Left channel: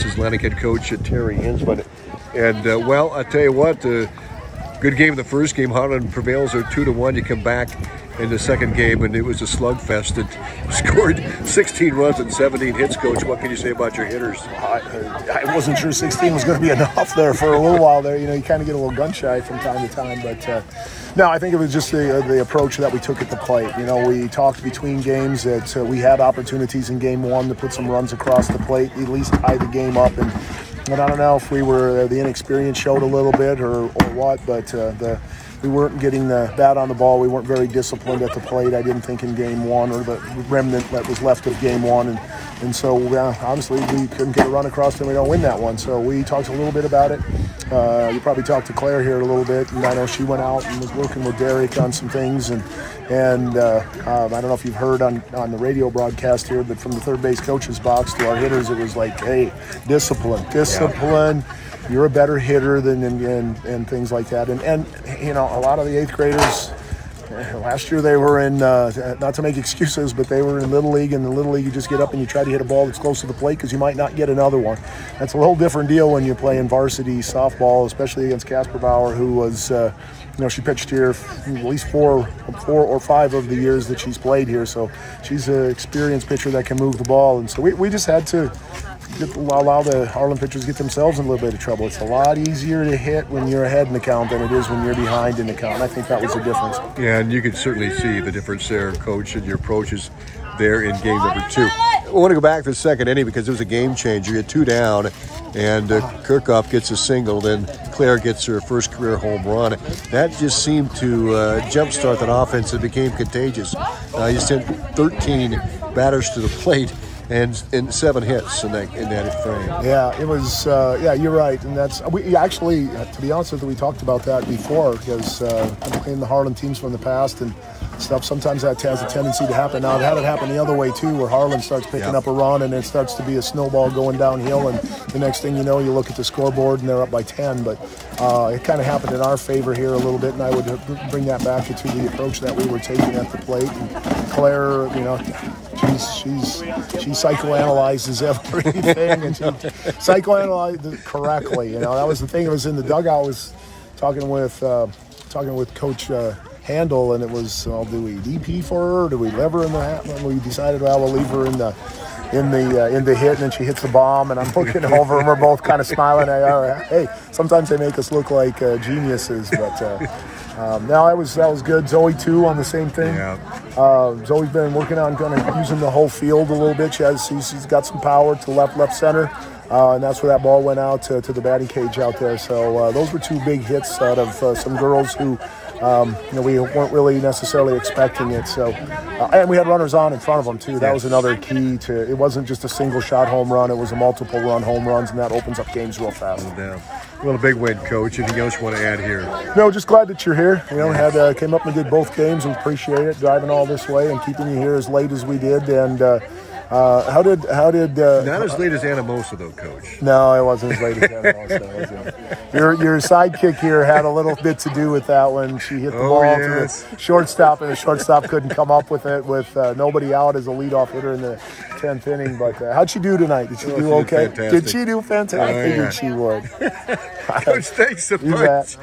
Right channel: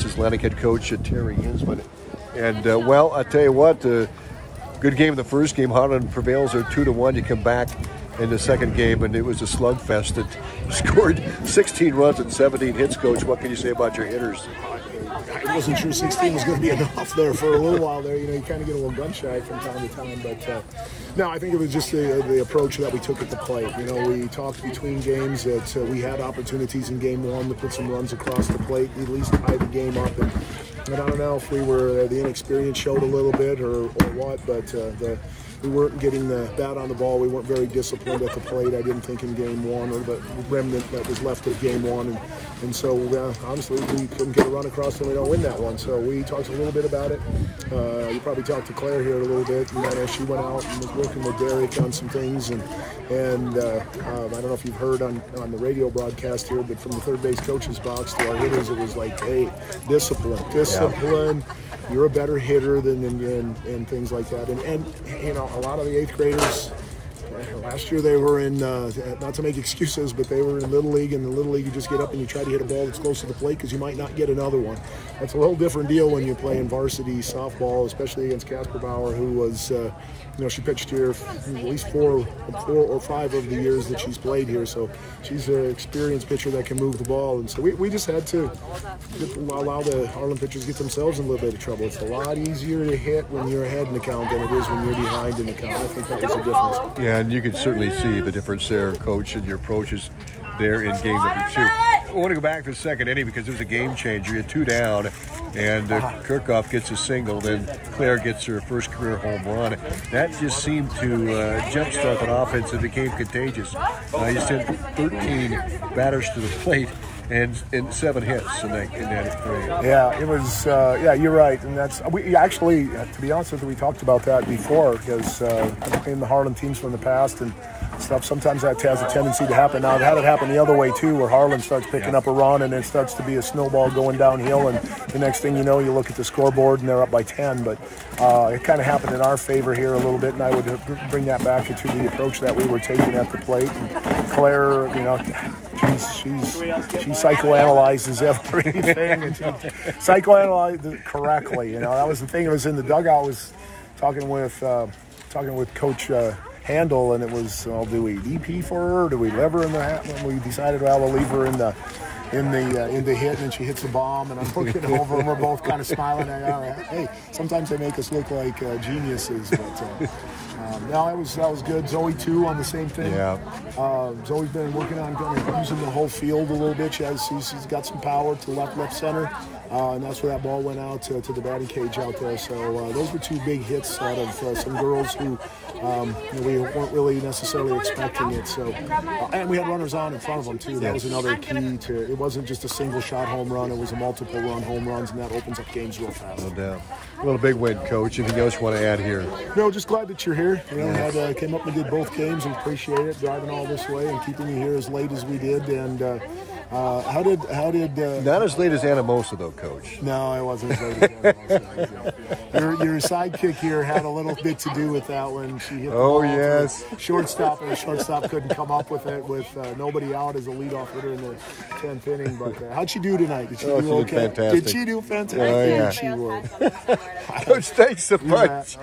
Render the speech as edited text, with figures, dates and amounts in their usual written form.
This is Atlantic head coach Terry Hinzmann. And, well, I tell you what, good game in the first game. Harlan prevails there 2-1. You come back in the second game, and it was a slugfest. It scored 16 runs and 17 hits, Coach. What can you say about your hitters? I wasn't sure 16 was going to be enough there for a little while there. You know, you kind of get a little gun shy from time to time. But, no, I think it was just the approach that we took at the plate. You know, we talked between games that we had opportunities in game one to put some runs across the plate, at least tie the game up. And I don't know if we were the inexperience showed a little bit or what, but we weren't getting the bat on the ball. We weren't very disciplined at the plate, I didn't think, in game one, or the remnant that was left of game one. And so, honestly, we couldn't get a run across and we don't win that one. So we talked a little bit about it. You probably talked to Claire here a little bit. And I know she went out and was working with Derek on some things. And I don't know if you've heard on the radio broadcast here, but from the third base coach's box to our hitters, it was like, hey, discipline. Yeah. You're a better hitter than and things like that. And you know, a lot of the eighth graders last year, they were in not to make excuses, but they were in Little League. And in Little League, you just get up and you try to hit a ball that's close to the plate because you might not get another one. That's a whole different deal when you're playing varsity softball, especially against Casper Bauer, who was you know, she pitched here at least four or five of the years that she's played here. So she's an experienced pitcher that can move the ball. And so we just had to allow the Harlan pitchers to get themselves in a little bit of trouble. It's a lot easier to hit when you're ahead in the count than it is when you're behind in the count. I think that was the difference. Yeah, and you could certainly see the difference there, Coach, in your approaches there in game number two. I want to go back to the second inning because it was a game changer. You had 2 down, and Kirchhoff gets a single. Then Claire gets her first career home run. That just seemed to jumpstart that offense. It became contagious. You sent 13 batters to the plate and 7 hits in that frame. Yeah, it was. Yeah, you're right, and that's we actually. To be honest with you, we talked about that before because in the Harlan teams from the past and stuff, sometimes that has a tendency to happen. Now, I've had it happen the other way too, where Harlan starts picking up a run and it starts to be a snowball going downhill, and the next thing you know, you look at the scoreboard and they're up by 10. But it kind of happened in our favor here a little bit, and I would bring that back to the approach that we were taking at the plate. And Claire, you know, she psychoanalyzes everything, and she psychoanalyzed it correctly. You know, that was the thing. It was in the dugout. I was talking with Coach Handel, and it was, well, do we DP for her? Or do we leave her in the hat? And we decided, well, we'll leave her in the hit, and then she hits the bomb, and I'm looking over, and we're both kind of smiling at her. Hey, sometimes they make us look like geniuses, but. Now that was good. Zoe too on the same thing. Yeah. Zoe's been working on kind of using the whole field a little bit. She's got some power to left center, and that's where that ball went out to the batting cage out there. So those were 2 big hits out of some girls who you know, we weren't really necessarily expecting it. So and we had runners on in front of them too. That was another key to it. Wasn't just a single shot home run. It was a multiple run home runs, and that opens up games real fast. No doubt. Well, a big win, Coach. Anything else you want to add here? No, just glad that you're here. You know, came up and did both games, and appreciate it, driving all this way and keeping you here as late as we did. And how did not as late as Anamosa though, Coach? No, it wasn't as late as Anamosa. Your sidekick here had a little bit to do with that one. She hit the ball to the shortstop, and the shortstop couldn't come up with it with nobody out as a leadoff hitter in the 10th inning. But how'd she do tonight? Did she do okay? Did she do fantastic? I figured she would. Coach, thanks so much.